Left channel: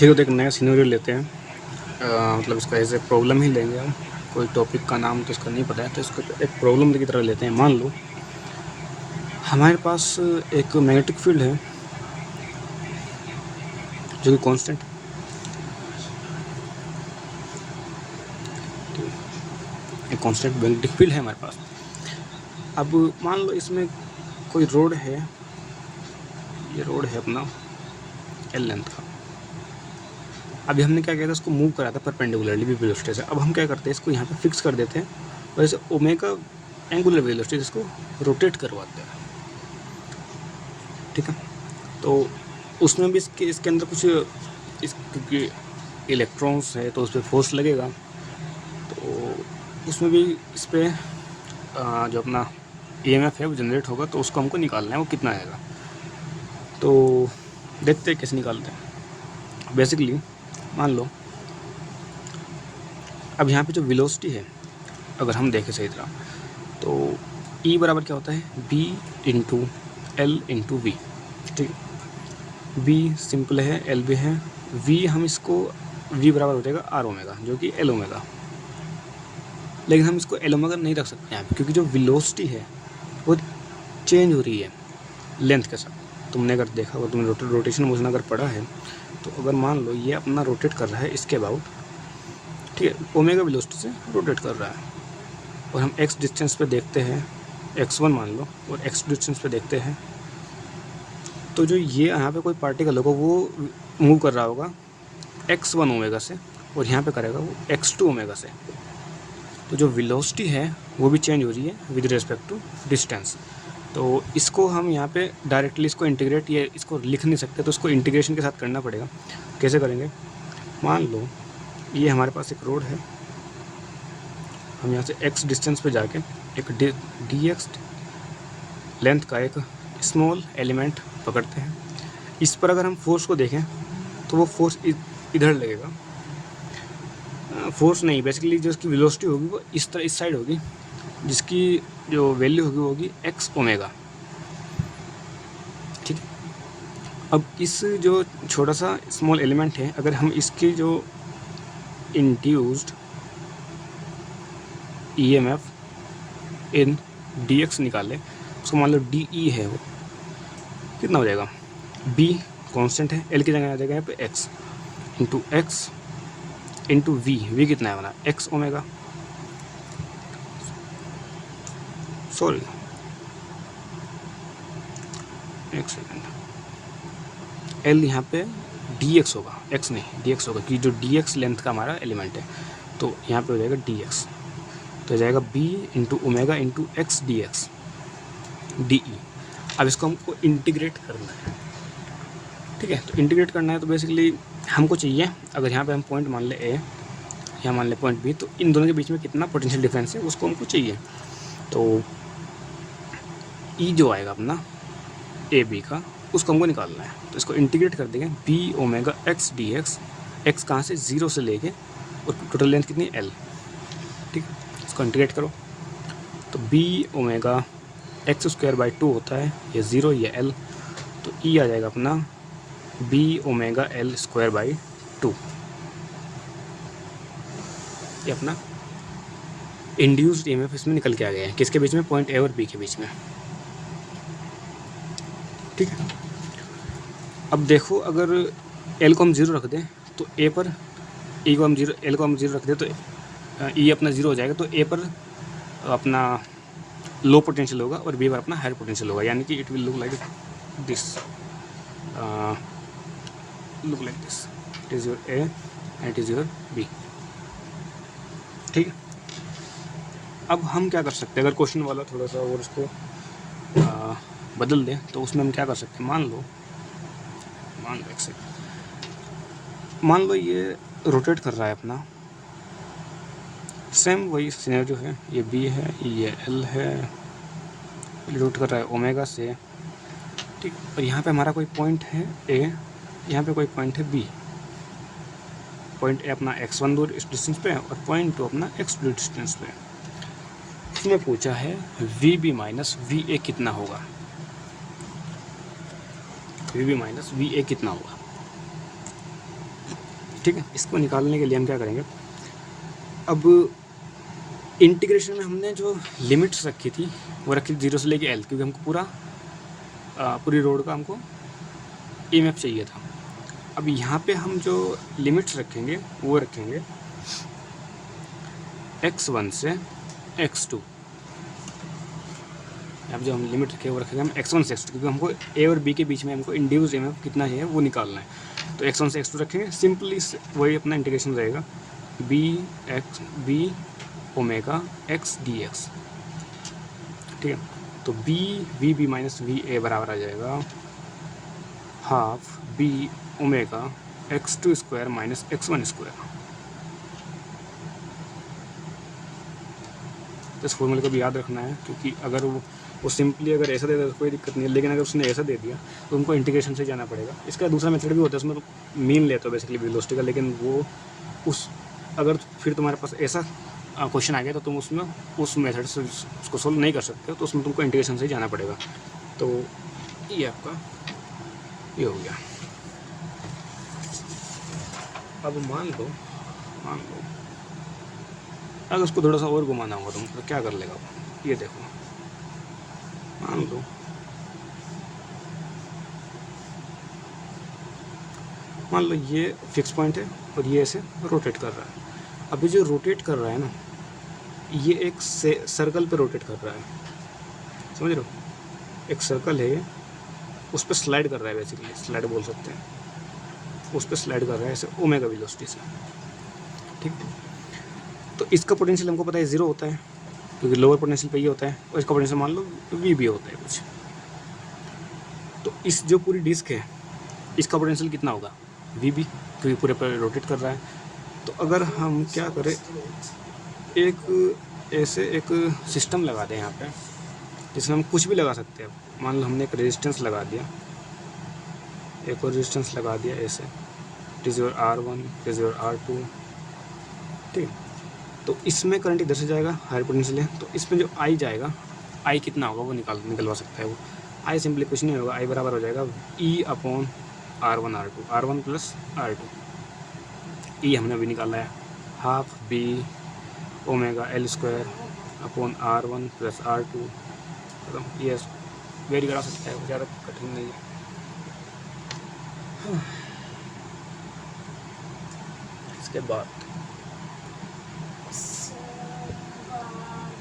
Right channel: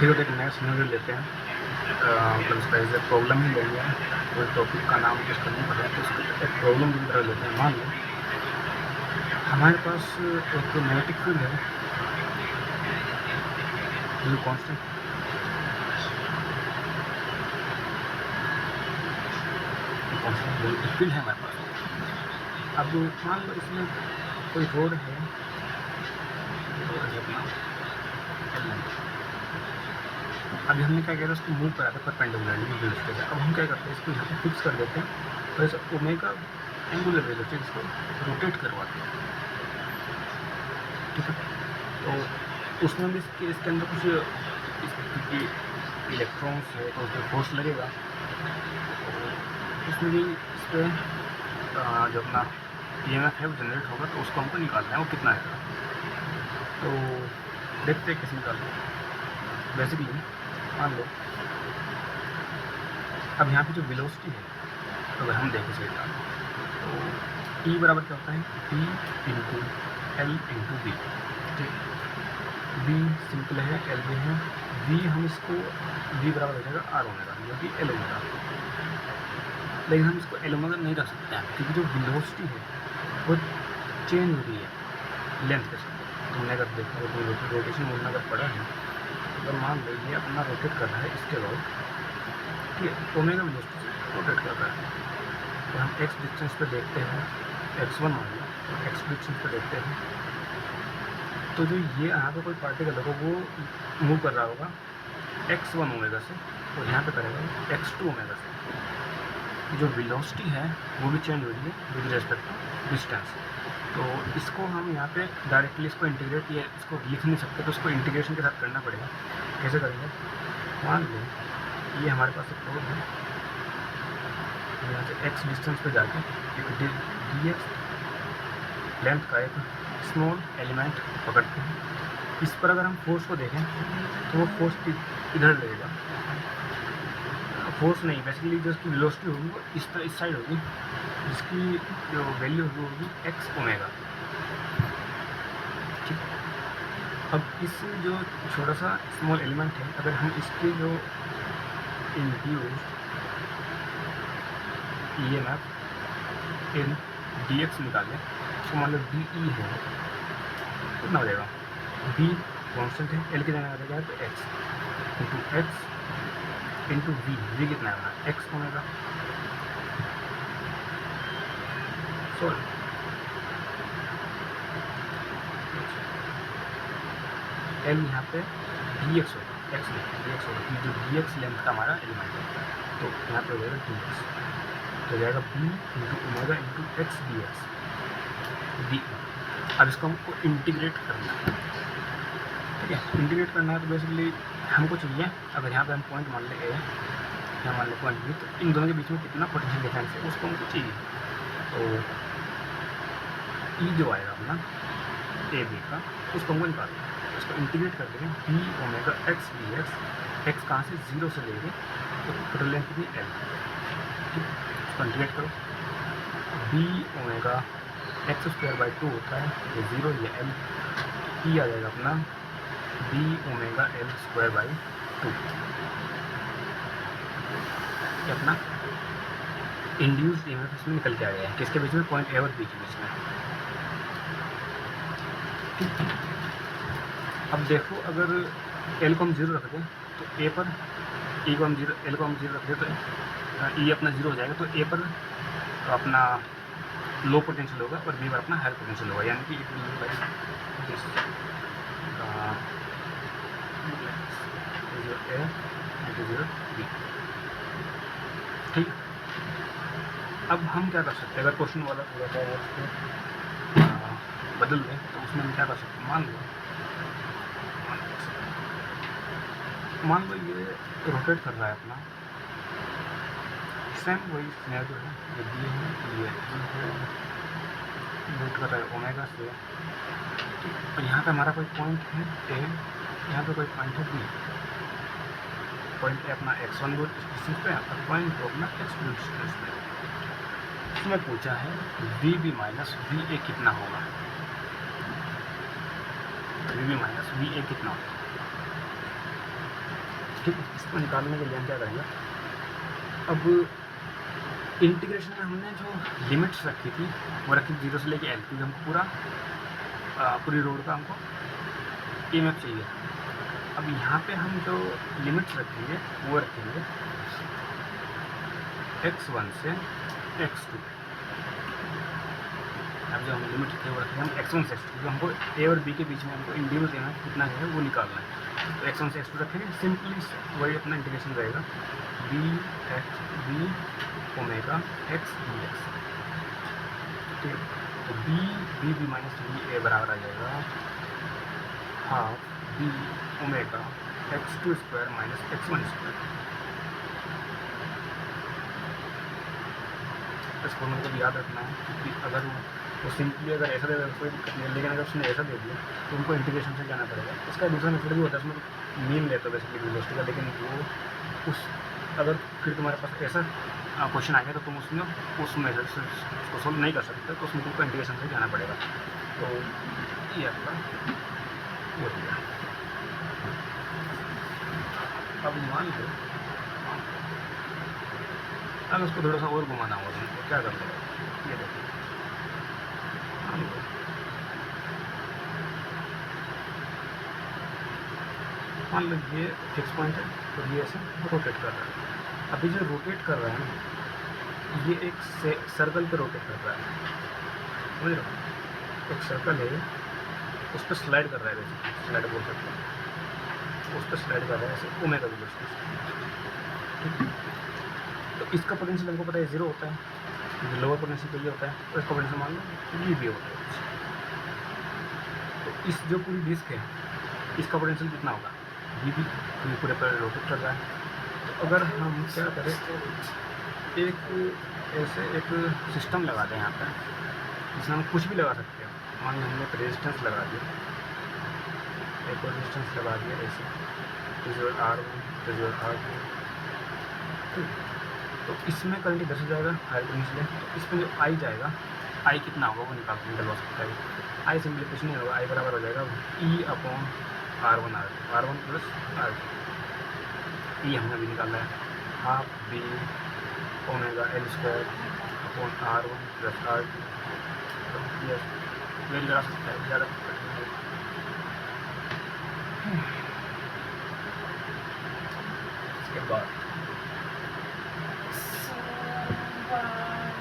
ठीक है, तो एक नया सिनेरियो लेते हैं। मतलब इसका एज ए प्रॉब्लम ही लेंगे। कोई टॉपिक का नाम तो इसका नहीं पता है, तो इसको एक प्रॉब्लम की तरह लेते हैं। मान लो हमारे पास एक मैग्नेटिक फील्ड है जो कि कांस्टेंट, एक कांस्टेंट मैग्नेटिक फील्ड है हमारे पास। अब मान लो इसमें कोई रोड है, ये रोड है अपना एल लेंथ। अभी हमने क्या किया था, इसको मूव करा था परपेंडिकुलरली भी वेलोसिटी से। अब हम क्या करते हैं, इसको यहाँ पे फिक्स कर देते हैं और इसे ओमेगा एंगुलर वेलोसिटी इसको रोटेट करवाते हैं। ठीक है, तो उसमें भी इसके अंदर कुछ क्योंकि इलेक्ट्रॉन्स है तो उस पर फोर्स लगेगा, तो उसमें भी इस पर जो अपना EMF है वो जनरेट होगा, तो उसको हमको निकालना है वो कितना आएगा। तो देखते हैं कैसे निकालते हैं। बेसिकली मान लो अब यहाँ पे जो वेलोसिटी है, अगर हम देखें सही तरह, तो E बराबर क्या होता है, B into L into V. ठीक, B सिंपल है, L भी है, V हम इसको V बराबर हो जाएगा R ओमेगा, जो कि L ओमेगा। लेकिन हम इसको L ओमेगा नहीं रख सकते यहाँ पे, क्योंकि जो वेलोसिटी है वो चेंज हो रही है लेंथ के साथ। तुमने अगर देखा हो, तुम रोटेशन मोशन अगर पढ़ा है, तो अगर मान लो ये अपना रोटेट कर रहा है इसके अबाउट, ठीक है, ओमेगा वेलोसिटी से रोटेट कर रहा है, और हम x डिस्टेंस पे देखते हैं, x1 मान लो, और x डिस्टेंस पे देखते हैं, तो जो ये यहाँ पे कोई पार्टिकल होगा वो मूव कर रहा होगा x1 ओमेगा से, और यहाँ पे करेगा वो x2 ओमेगा से। तो जो वेलोसिटी है वो भी चेंज हो रही है विद रिस्पेक्ट टू डिस्टेंस। तो इसको हम यहाँ पे डायरेक्टली इसको इंटीग्रेट, ये इसको लिख नहीं सकते, तो इसको इंटीग्रेशन के साथ करना पड़ेगा। कैसे करेंगे, मान लो ये हमारे पास एक रोड है, हम यहाँ से x डिस्टेंस पे जाके एक dx लेंथ का एक स्मॉल एलिमेंट पकड़ते हैं। इस पर अगर हम फोर्स को देखें तो वो फोर्स इधर लगेगा, फोर्स नहीं, बेसिकली जो इसकी वेलोसिटी होगी वो इस साइड होगी, जिसकी जो वैल्यू होगी वो होगी x ओमेगा। ठीक है, अब इस जो छोटा सा स्मॉल एलिमेंट है, अगर हम इसकी जो इंड्यूस्ड EMF इन dx निकालें, उसको मान लो DE है, वो कितना हो जाएगा, B कांस्टेंट है, L की जगह आ जाएगा यहाँ पे x into x into V कितना है हमारा, x ओमेगा, सॉरी L यहाँ पे dx होगा, x नहीं dx होगा, कि जो dx लेंथ का हमारा एलिमेंट है, तो यहाँ पे हो जाएगा dx, तो हो जाएगा b into omega into x D x D. अब इसको हमको इंटीग्रेट करना है। ठीक है, तो इंटीग्रेट करना है तो बेसिकली हमको चाहिए, अगर यहाँ पे हम पॉइंट मान ले A, यहाँ मान ले पॉइंट B, तो इन दोनों के बीच में कितना पोटेंशियल डिफरेंस है उसको हमको चाहिए। तो E जो आएगा अपना AB का, उसको हमको निकालना है, तो इसको इंटीग्रेट कर देंगे B omega x D x, x कहाँ से, 0 से लेके, और टोटल लेंथ कितनी है L। ठीक, इसको इंटीग्रेट करो तो B omega x square by 2 होता है, ये 0 ये L, तो E आ जाएगा अपना B omega L square by 2। ये अपना इंड्यूस्ड EMF इसमें निकल के आ गया है, किसके बीच में, पॉइंट A और B के बीच में। ठीक, अब देखो अगर L को हम 0 रख दें तो A पर, E को हम 0, L को हम 0 रख दें तो E अपना 0 हो जाएगा, तो A पर अपना लो पोटेंशियल होगा और B पर अपना हायर पोटेंशियल होगा, यानी कि it will look like this, look like this, it is your A and it is your B। ठीक, अब हम क्या कर सकते हैं, अगर क्वेश्चन वाला थोड़ा सा और उसको बदल दें तो उसमें हम क्या कर सकते हैं, मान लो ये रोटेट कर रहा है अपना, सेम वही सिनेरियो है, ये B है, ये L है, रोटेट कर रहा है ओमेगा से। ठीक, और यहाँ पे हमारा कोई पॉइंट है A, यहाँ पे कोई पॉइंट है B, पॉइंट A अपना x1 दूर इस डिस्टेंस पे और पॉइंट 2 अपना x2 डिस्टेंस पे। इसने पूछा है VB माइनस VA कितना होगा, VB माइनस VA कितना होगा। ठीक है। इसको निकालने के लिए हम क्या करेंगे, अब इंटीग्रेशन में हमने जो लिमिट्स रखी थी वो रखी 0 से लेके L, क्योंकि हमको पूरी रोड का हमको EMF चाहिए था। अब यहाँ पे हम जो लिमिट्स रखेंगे वो रखेंगे x1 से x2। अब जो हम लिमिट रखे वो रखेंगे हम x1 से x2, क्योंकि हमको A और B के बीच में हमको इंड्यूस EMF कितना है वो निकालना है। तो x1 से x2 रखेंगे, सिंपली वही अपना इंटीग्रेशन रहेगा b ओमेगा x dx। ठीक है, तो b माइनस वी ए बराबर आ जाएगा half b omega x2 square minus x1 square. इस फॉर्मूले को भी याद रखना है, क्योंकि अगर वो सिंपली अगर ऐसा दे दे तो कोई दिक्कत नहीं है, लेकिन अगर उसने ऐसा दे दिया तो उनको इंटीग्रेशन से जाना पड़ेगा। इसका दूसरा मेथड भी होता है, उसमें तो मीन लेते हो बेसिकली वेलोसिटी का, लेकिन वो अगर फिर तुम्हारे पास ऐसा क्वेश्चन आ गया तो तुम उसमें उस मेथड से उसको सोल्व नहीं कर सकते, तो उसमें तुमको इंटीग्रेशन से जाना पड़ेगा। तो ये आपका ये हो गया। अब मान लो अगर उसको थोड़ा सा और घुमाना होगा तुमको क्या कर लेगा, ये देखो मान लो ये फिक्स पॉइंट है और ये ऐसे रोटेट कर रहा है। अभी जो रोटेट कर रहा है ना, ये एक सर्कल पे रोटेट कर रहा है, समझ रहे हो? एक सर्कल है, उस पर स्लाइड कर रहा है, बेसिकली स्लाइड बोल सकते हैं, उस पर स्लाइड कर रहा है ऐसे ओमेगा वेलोसिटी से। ठीक, तो इसका पोटेंशियल हमको पता है 0 होता है, क्योंकि लोअर पोटेंशियल पे ये होता है, और इसका पोटेंशियल मान लो वी भी होता है कुछ। तो इस जो पूरी डिस्क है इसका पोटेंशियल कितना होगा, वी भी, क्योंकि पूरे पर रोटेट कर रहा है। तो अगर हम क्या करें, एक ऐसे एक सिस्टम लगा दें यहाँ पे, जिसमें हम कुछ भी लगा सकते हैं। मान लो हमने एक रेजिस्टेंस लगा दिया, एक और रेजिस्टेंस लगा दिया ऐसे, रिजर्व R1 रिजर्व R2। ठीक, तो इसमें करंट इधर से जाएगा, हायर पोटेंशियल है, तो इसमें जो I जाएगा, I कितना होगा वो निकलवा सकता है वो। I सिंपली कुछ नहीं होगा, I बराबर हो जाएगा E/R1 R2, R1 plus R2। E हमने अभी निकाला है half B omega L square upon R1 plus R2। तो ये वेरी करा सकता है, ज़्यादा कठिन नहीं है। इसके बाद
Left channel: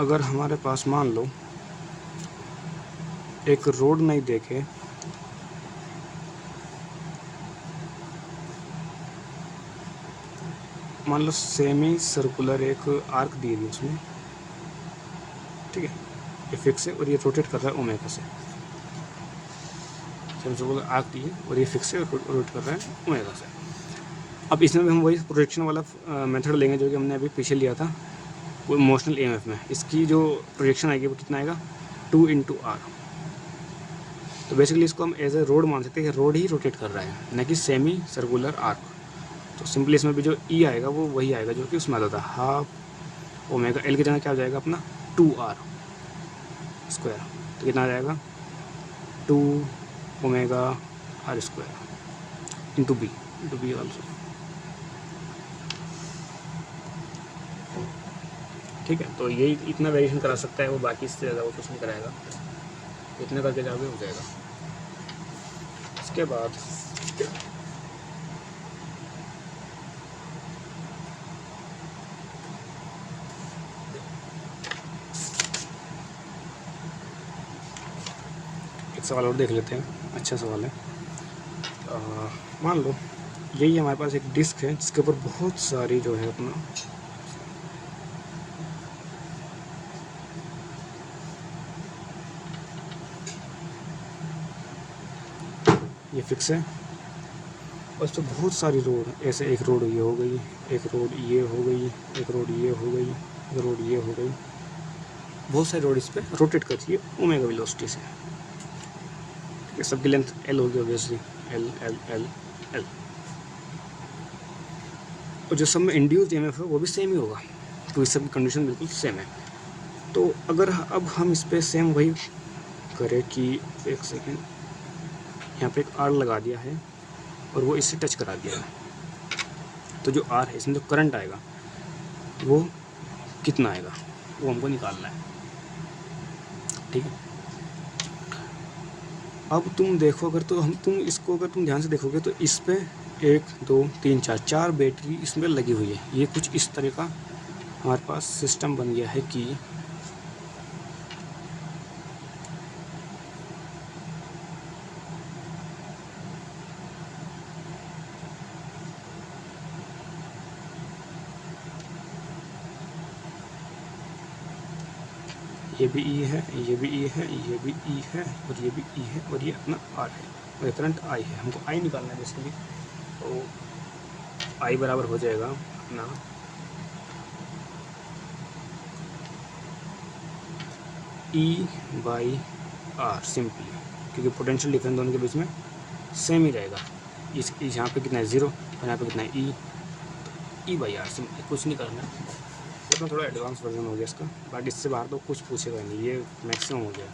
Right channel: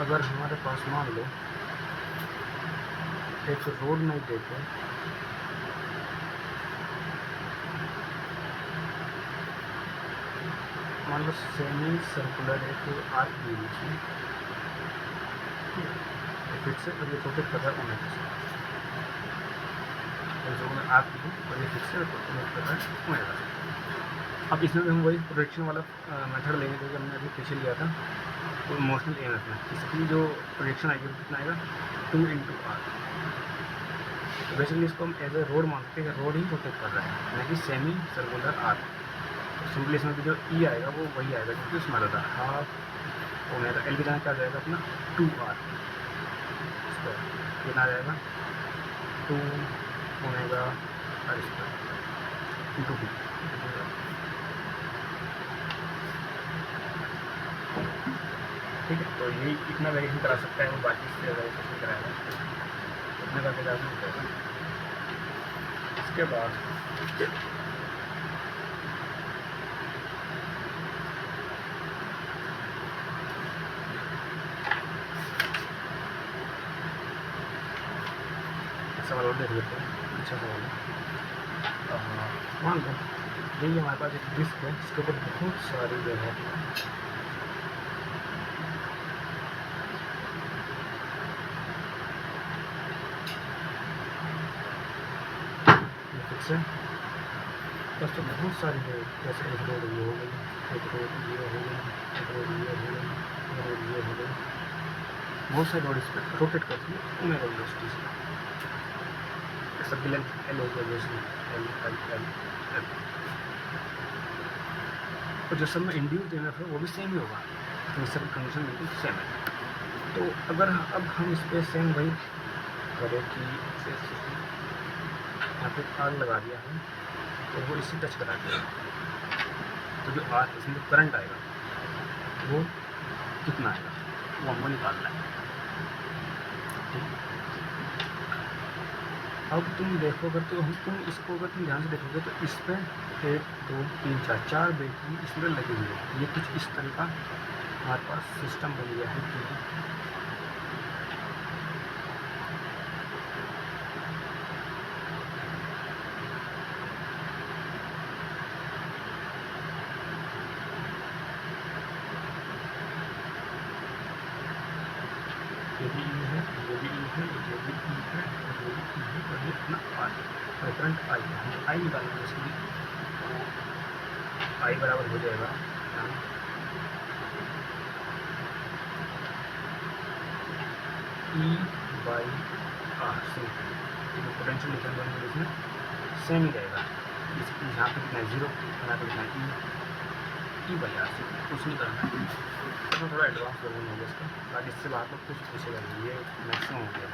अगर हमारे पास मान लो एक रोड नहीं देखे, मान लो सेमी सर्कुलर एक आर्क दी है उसमें, ठीक है, ये फिक्स है और ये रोटेट कर रहा है ओमेगा से। सेमी सर्कुलर आर्क दी है और ये फिक्स है और रोटेट कर रहा है ओमेगा से। अब इसमें भी हम वही प्रोजेक्शन वाला मेथड लेंगे जो कि हमने अभी पीछे लिया था वो इमोशनल EMF में। इसकी जो प्रोजेक्शन आएगी वो कितना आएगा, 2 × R। तो बेसिकली इसको हम एज ए रोड मान सकते हैं कि रोड ही रोटेट कर रहा है, न कि सेमी सर्कुलर आर्क। तो सिंपली इसमें भी जो E आएगा वो वही आएगा जो कि उसमें आता था, हाफ ओमेगा L की जगह क्या आ जाएगा अपना 2R स्क्वायर। तो कितना आ जाएगा 2 omega R square into B also. ठीक है, तो यही इतना वेरिएशन करा सकता है वो, बाकी इससे ज़्यादा वो कुछ नहीं कराएगा, इतना करके ज़्यादा हो जाएगा। इसके बाद एक सवाल और देख लेते हैं, अच्छा सवाल है। मान लो यही हमारे पास एक डिस्क है जिसके ऊपर बहुत सारी जो है अपना ये फिक्स है, और उससे बहुत सारी रोड, ऐसे एक रोड ये हो गई, एक रोड ये हो गई, एक रोड ये हो गई, एक रोड ये हो गई, बहुत सारी रोड इस पर रोटेट करती है ओमेगा वेलोसिटी से। ये सबकी लेंथ L हो गई, basically L L L L। और जो सब में इंड्यूस्ड EMF है वो भी सेम ही होगा, तो इस सब कंडीशन बिल्कुल सेम है। तो अगर अब हम इस पर सेम वही करें कि एक सेकेंड, यहाँ पे एक R लगा दिया है और वो इससे टच करा दिया है, तो जो आर है इसमें जो करंट आएगा वो कितना आएगा वो हमको निकालना है, ठीक है। अब तुम देखो अगर तो तुम इसको अगर तुम ध्यान से देखोगे तो इस पे 1 2 3 4 बैटरी इसमें लगी हुई है। ये कुछ इस तरह का हमारे पास सिस्टम बन गया है कि ये भी ई है, ये भी ई है, ये भी ई है और ये भी ई है और ये अपना आर है और करंट आई है। हमको आई निकालना है इसके लिए, तो आई बराबर हो जाएगा ना ई बाई आर सिंपल, क्योंकि पोटेंशियल डिफरेंस दोनों के बीच में सेम ही रहेगा। इस यहाँ पे कितना है 0 और यहाँ पे कितना है ई बाई आर सिंपल, कुछ नहीं करना है। तो थोड़ा एडवांस वर्जन हो गया इसका, बाकी इससे बाहर तो कुछ पूछेगा नहीं, ये मैक्सिमम हो गया।